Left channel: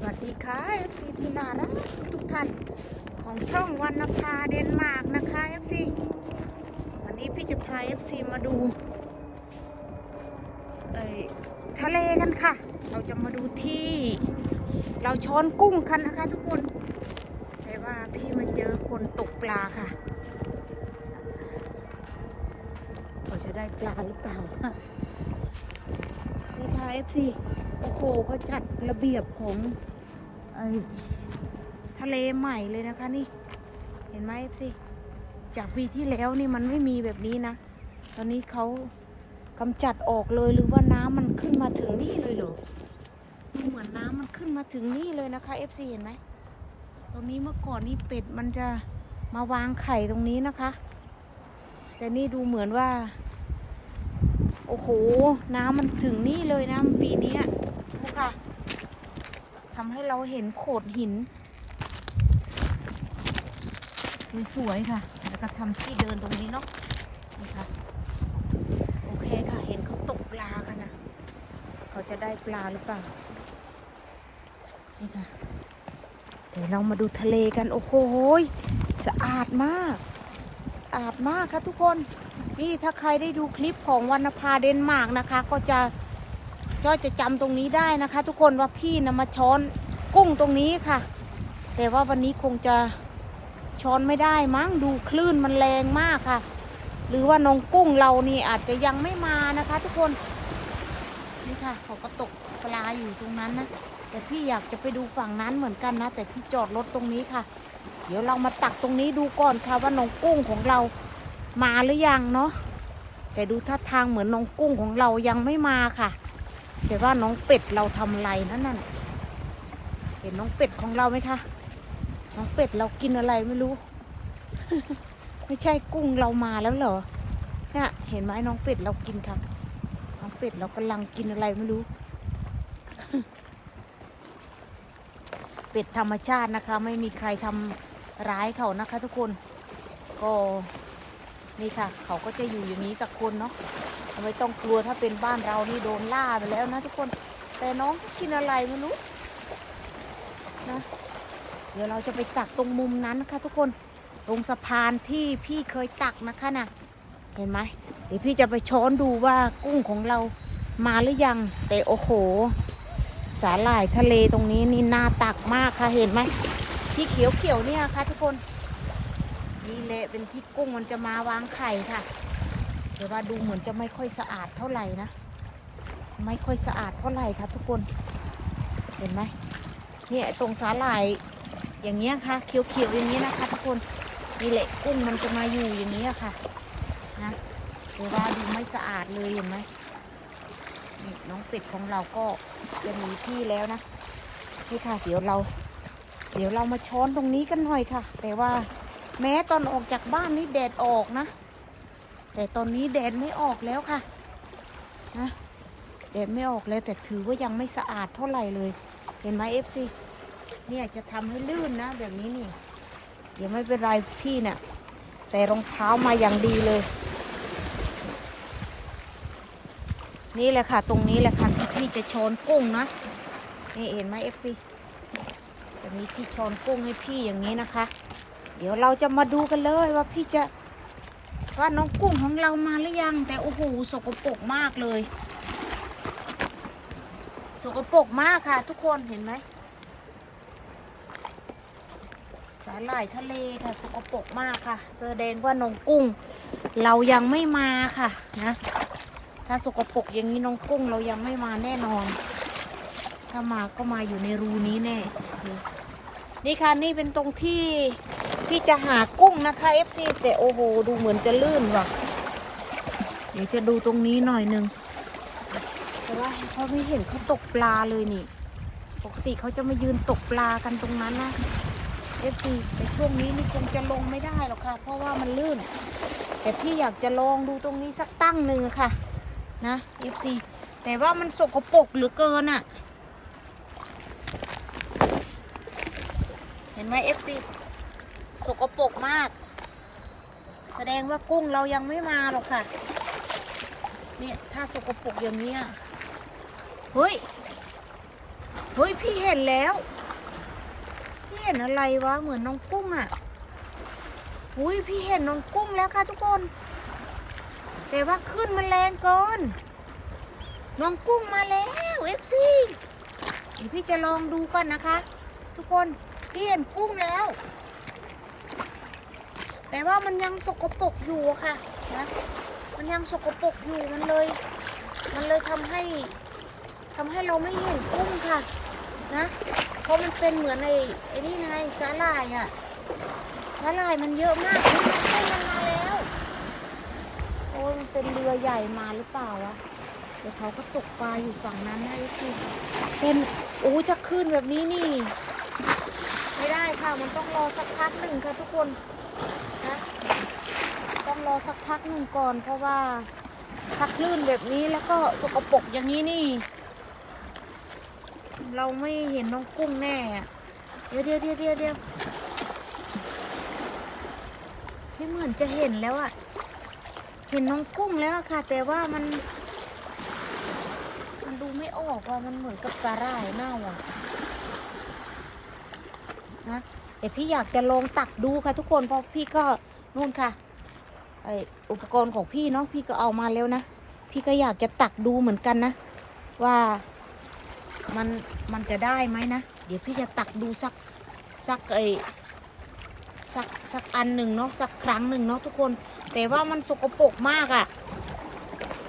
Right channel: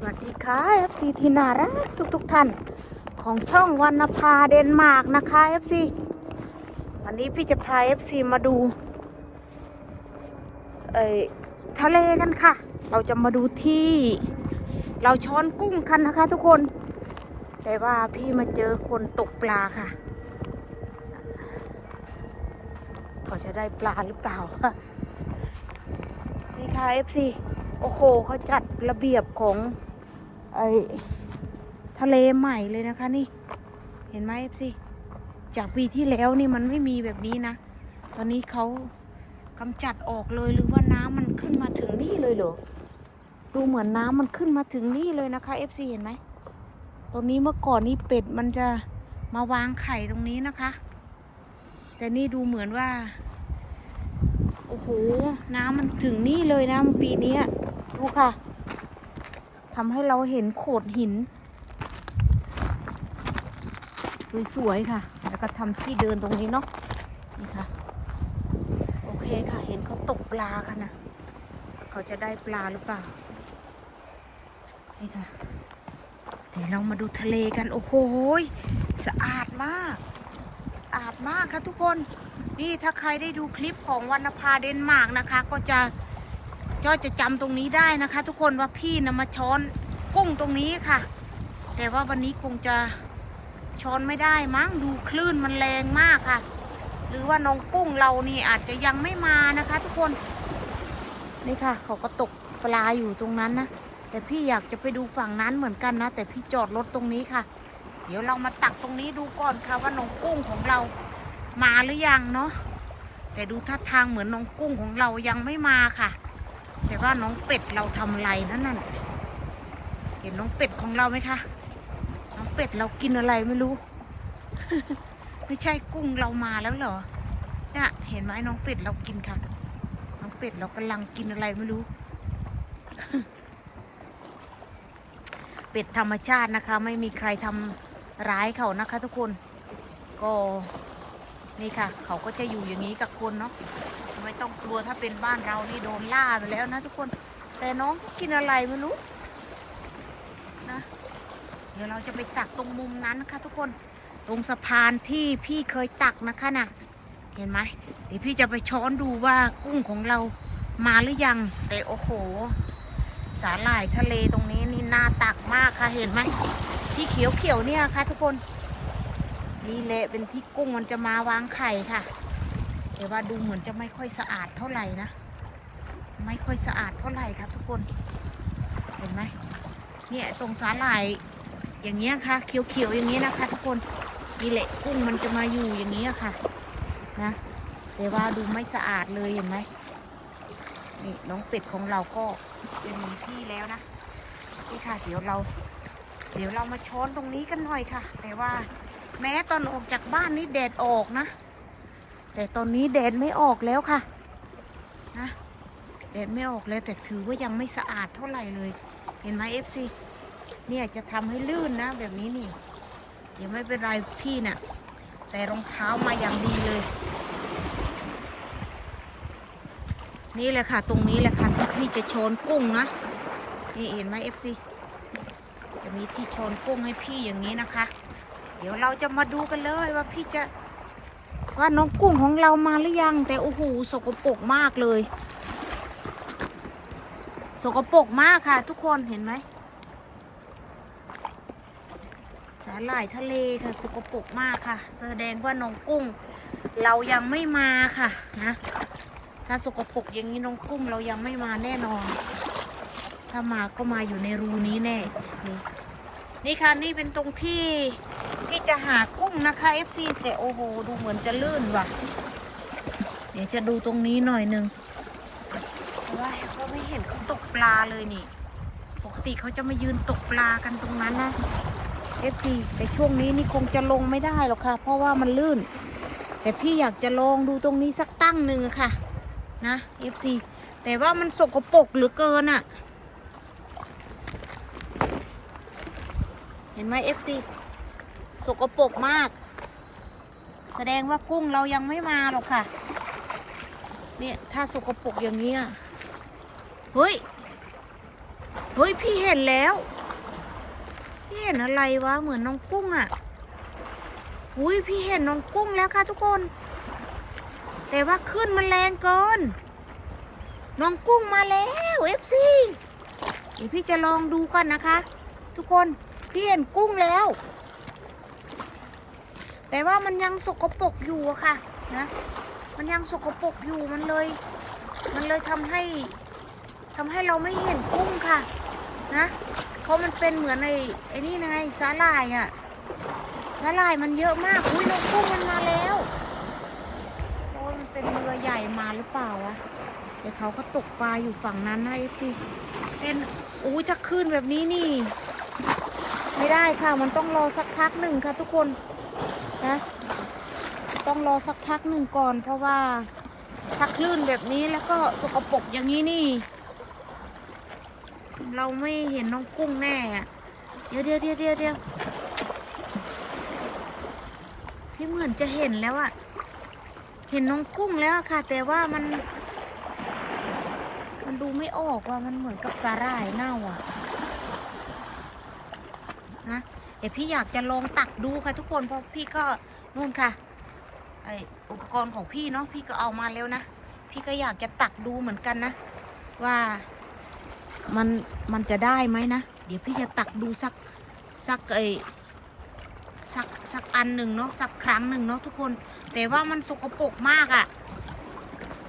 สวัสดีค่ะ FC ที่น่ารักทุกทุกๆท่าน ของช่องวันนภาเดนมาร์กนะคะ FC วันนี้พี่จะพา FC มาดูเอทะเลกันค่ะ เราจะมาดูที่ เราช้อนกุ้งกันนะคะ ทุกคน แต่ว่าพี่มาเจอคนตกปลาค่ะเขาจะได้ปลาหรือเปล่านี่ค่ะ FC โอ้โหเขาจัดระเบียบของ ไอทะเลใหม่เลยนะคะนี่ เห็นไหม FC จากปีที่แล้วนี่มันไม่มีแบบนี้นะ ตอนนี้เขากำจัดออกเลยหรือว่าน้ำมันขึ้นมาถึงนี่เลยเหรอดูเหมือนน้ำมันขึ้นมาถึงนี่เลยนะคะ FC เห็นไหมตรงนี้เมื่อก่อนนี่เป็ดมันจะมาวางไข่ตรงนี้นะคะ แต่นี่ดูเหมือนว่า โอ้โห น้ำมันถึงนี่เลยนะปีนี้ดูค่ะ ทำให้เราเห็นโขดหิน สวยๆค่ะ แล้วก็ทำที่เดินตรงนี้เนาะนี่ค่ะ โอเคค่ะ เห็นเขาตกปลากันนะเขาจะได้ปลาหรือเปล่า นี่ค่ะ เดี๋ยวเรามาดูทะเลกัน โอ้โหสะอาดมากสะอาดมากค่ะทุกคน นี่ถ้าใครได้ดูคลิปของวรรณภาเดนมาร์กนะคะ ก็จะ ก็จะจำตรงนี้ได้นะคะ ทุกคนว่าพี่นะมาช้อนกุ้งตรงนี้ค่ะ แต่ว่าวันนี้คงจะช้อนไม่ได้มั้งดูคลื่นมันแรงมากค่ะ หรือว่าน้องกุ้งเรานี่อาจจะยังไม่มานะคะ ทุกคนนี่ค่ะ เขาก็ตกปลาอยู่ตรงนั้นนะแต่พี่อยากจะไปดูฝั่งนั้นเหมือนกันนะ แต่พี่จอดรถตรงนี้ค่ะ เดี๋ยวเรามาตักตรงนี้ดูก่อนค่ะว่าน้องกุ้งของเรามาหรือยังเนาะแต่ดูท่าทางเหมือนน้องกุ้งของเรายังไม่มาค่ะ แต่ว่าน้องเป็ดเราทำไรนั่นนั่นเห็นน้องเป็ดของเราไหมคะ น้องเป็ดเรากินอะไรไม่รู้ ไม่ใช่กุ้งเรามาแล้วเหรอ เนี่ย เห็นไหมน้องเป็ดเรากินค่ะ น้องเป็ดเรากำลังกินอะไรไม่รู้ เป็ดธรรมชาตินะคะ ไม่มีใครทำร้ายเขานะคะ ทุกคน ก็ นี่ค่ะ เขาก็จะอยู่อย่างนี้กับคนเนาะไม่ต้องกลัวถ้าเป็นบ้านเรานี่โดนล่าไปแล้วนะทุกคน แต่น้องกินอะไรไม่รู้นะเดี๋ยวเราจะไปตักตรงมุมนั้นนะคะทุกคนตรงสะพานที่พี่เคยตักนะคะน่ะเห็นไหมเดี๋ยวพี่จะไปช้อนดูว่ากุ้งของเรามาหรือยัง แต่โอ้โห สาหร่ายทะเลตรงนี้นี่น่าตักมากค่ะเห็นไหมที่เขียวๆเนี่ยค่ะทุกคน นี่แหละเป็นที่กุ้งมันจะมาวางไข่ค่ะ แต่ว่าดูเหมือนจะไม่ค่อยสะอาดเท่าไหร่นะ ไม่ค่อยสะอาดเท่าไหร่ค่ะทุกคน เห็นไหมเนี่ยตรงสาหร่ายอย่างเงี้ยค่ะ เขียวๆอย่างนี้นะคะ ทุกคนนี่แหละกุ้งมันจะมาอยู่อย่างนี้ค่ะ นะแต่ว่าดูไม่สะอาดเลยเห็นไหมนี่น้องเป็ดของเราก็จะหนีที่แล้วนะนี่ค่ะ เดี๋ยวเรา เดี๋ยวเรามาช้อนตรงนี้กันหน่อยค่ะ แต่ว่า แม้ตอนออกจากบ้านนี่แดดออกนะ แต่ตอนนี้แดดไม่ออกแล้วค่ะนะแดดไม่ออกเลยแต่ถือว่ายังไม่สะอาดเท่าไหร่เลย เห็นไหมเอฟซีเนี่ยจะทำให้ลื่นนะ แบบนี้นี่ เดี๋ยวไม่เป็นไรพี่เนี่ยใส่รองเท้ามาอย่างดีเลย นี่แหละค่ะ ตรงนี้แหละค่ะที่พี่จะช้อนกุ้งนะ นี่เห็นไหมเอฟซีจะมีที่ช้อนกุ้งให้พี่อย่างนี้นะคะ เดี๋ยวเราจะมาดูกันเลยว่าพี่จะว่าน้องกุ้งของเรามาหรือยัง แต่โอ้โหสกปรกมากเลย สกปรกมากค่ะ ทุกคนเห็นไหมสาหร่ายทะเลค่ะสกปรกมากค่ะแสดงว่าน้องกุ้ง เรายังไม่มาค่ะนะถ้าสกปรกอย่างนี้น้องกุ้งเรายังไม่มาแน่นอน ถ้ามาก็มาอยู่ในรูนี้แน่นี่นี่ค่ะนี่เป็นตรงที่ ที่จะหากุ้งนะคะ FC แต่โอ้โหดูเหมือนจะลื่นว่ะ เดี๋ยวจะดูตรงนี้หน่อยหนึงแต่ว่าเขาไม่เห็นเขาตกปลาเลยนี่ ปกติเขาจะมายืนตกปลากันตรงนั้นนะ FC แต่ช่วงนี้นี่คงจะลงไม่ได้หรอกค่ะ เพราะว่ามันลื่น แต่พี่อยากจะลองดูตรงนี้สักตั้งหนึ่งค่ะ นะ FC แต่ว่ามันสกปรกเหลือเกินอะเห็นไหม FC สกปรกมาก แสดงว่ากุ้งเรายังไม่มาหรอกค่ะ เนี่ยถ้าสกปรกอย่างนี้เฮ้ย เฮ้ย พี่เห็นแล้ว พี่เห็นอะไรวะ เหมือนน้องกุ้งอะ่ะอุ้ยพี่เห็นน้องกุ้งแล้วค่ะทุกคน แต่ว่าขึ้นมันแรงเกินน้องกุ้งมาแล้วเอฟซีเดี๋ยวพี่จะลองดูก่อนนะคะ ทุกคน พี่เห็นกุ้งแล้ว แต่ว่ามันยังสกปรกอยู่อะค่ะนะ มันยังสกปรกอยู่มันเลย มันเลยทำให้ทำให้เราไม่เห็นกุ้งค่ะ นะ เพราะมันเป็นเหมือนไอ้ไอ้นี่ไงสาหร่ายอะสาหร่ายมันเยอะมากอุ้ยน้องกุ้งมันมาแล้วโอ้มันเป็นเรือใหญ่มาหรือเปล่าวะเดี๋ยวเขาก็ตกปลาอยู่ฝั่งนั้นนะเอฟซีเป็นอุ้ยถ้าขึ้นแบบนี้นี่ ไม่ได้ค่ะมันต้องรอสักพักหนึ่งค่ะทุกคน ต้องรอสักพักหนึ่งก่อน เพราะว่าถ้าคลื่นแบบนี้แล้วก็สกปรกอย่างนี้นี่ เราไม่เห็นน้องกุ้งแน่ เดี๋ยวเดี๋ยวเดี๋ยวเดี๋ยวเดี๋ยวพี่เหมือนจะเห็นแล้วอะเห็นน้องกุ้งแล้วค่ะ แต่ว่ามัน มันดูไม่ออกว่ามันเหมือนกับสาหร่ายเน่าอะนะ เดี๋ยวพี่อยากจะลองตักดูค่ะทุกคนเพราะพี่ก็นู่นค่ะไออุปกรณ์ของพี่เนาะพี่ก็เอามาแล้วนะพี่ก็อยากจะตักดูเหมือนกันนะ ว่ามันมันจะได้ไหมนะ เดี๋ยวพี่จะตักดูสักสักไอสักสักอันหนึ่งเนาะสักครั้งหนึ่งเนาะทุกคน แต่ว่ามันสกปรกมากอะ่ะ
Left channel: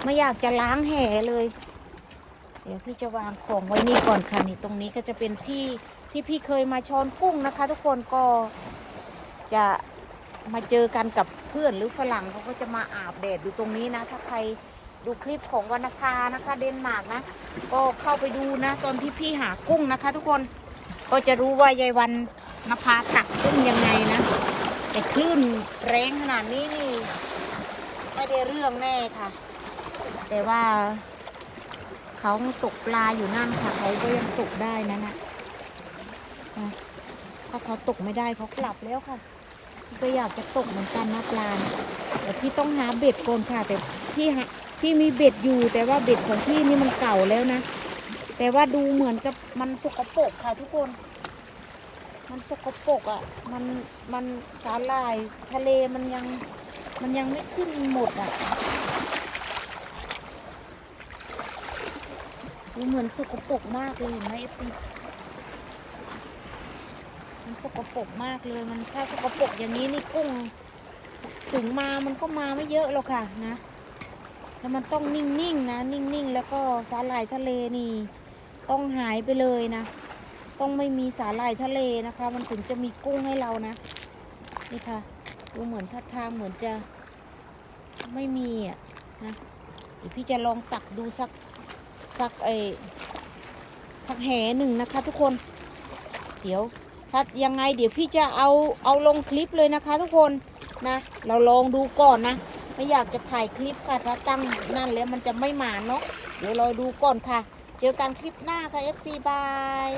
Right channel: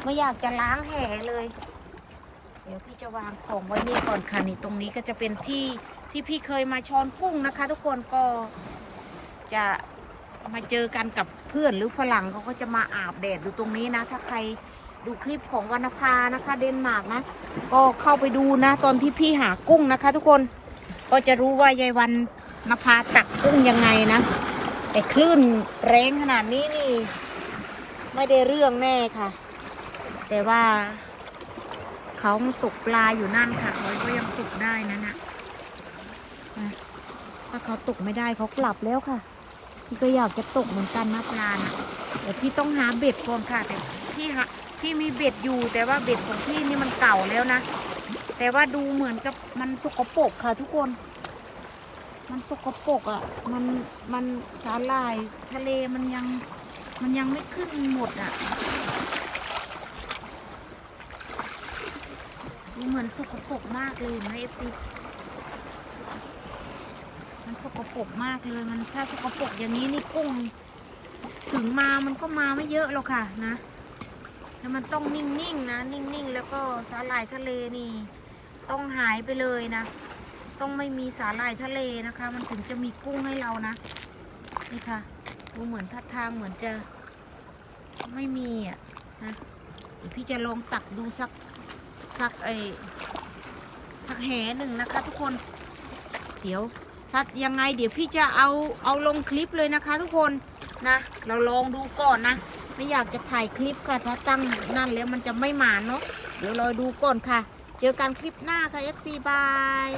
ไม่อยากจะล้างแห่เลย เดี๋ยวพี่จะวางของไว้นี่ก่อนค่ะนี่ตรงนี้ก็จะเป็นที่ ที่พี่เคยมาช้อนกุ้งนะคะ ทุกคนก็จะมาเจอกันกับเพื่อนหรือฝรั่งเขาก็จะมาอาบแดดอยู่ตรงนี้นะ ถ้าใครดูคลิปของวรรณภานะคะ เดนมาร์กนะ ก็เข้าไปดูนะ ตอนที่พี่หากุ้งนะคะ ทุกคนก็จะรู้ว่ายายวันนภาตักกุ้งยังไงนะแต่คลื่นแรงขนาดนี้นี่ ไม่ได้เรื่องแน่ค่ะ แต่ว่าเขาตกปลาอยู่นั่นค่ะเขาก็ยังตกได้นั่นนะ นะถ้าเขาตกไม่ได้เขากลับแล้วค่ะพี่ก็อยากจะตกเหมือนกันนะปลานะแต่พี่ต้องหาเบ็ดก่อนค่ะ แต่พี่หาพี่มีเบ็ดอยู่แต่ว่าเบ็ดของพี่นี่มันเก่าแล้วนะ แต่ว่าดูเหมือนกับมันสกปรกค่ะทุกคน มันสกปรกอะ มันมันสาหร่ายทะเลมันยังมันยังไม่ขึ้นหมดอะดูเหมือนสกปรกมากเลยนไหมเอฟซี สกปรกมากเลยมันถ้าสกปรกอย่างนี้นี่กุ้ง ถึงมามันก็มาไม่เยอะหรอกค่ะนะแล้วมันต้องนิ่งๆนะนิ่งๆ แล้วก็สาหร่ายทะเลนี่ ต้องหายไปเลยนะ ต้องไม่มีสาหร่ายทะเลนะคะ มันถึงจะมีกุ้งให้เรานะนี่ค่ะดูเหมือนท่าทางเหมือนจะไม่มีอะนะเดี๋ยวพี่จะลองตักดูสักสักไอสักแหหนึ่งนะคะทุกคน เดี๋ยว ถ้ายังไงเดี๋ยวพี่จะเอาเอาลงคลิปเลยนะคะ ทุกคนนะ เราลองดูก่อนนะ ไม่อยากจะถ่ายคลิปค่ะ ถ้าตั้งนั่นแล้วมันจะไม่หมานเนาะเดี๋ยวรอดูก่อนค่ะ เจอกันคลิปหน้าค่ะ FC บาย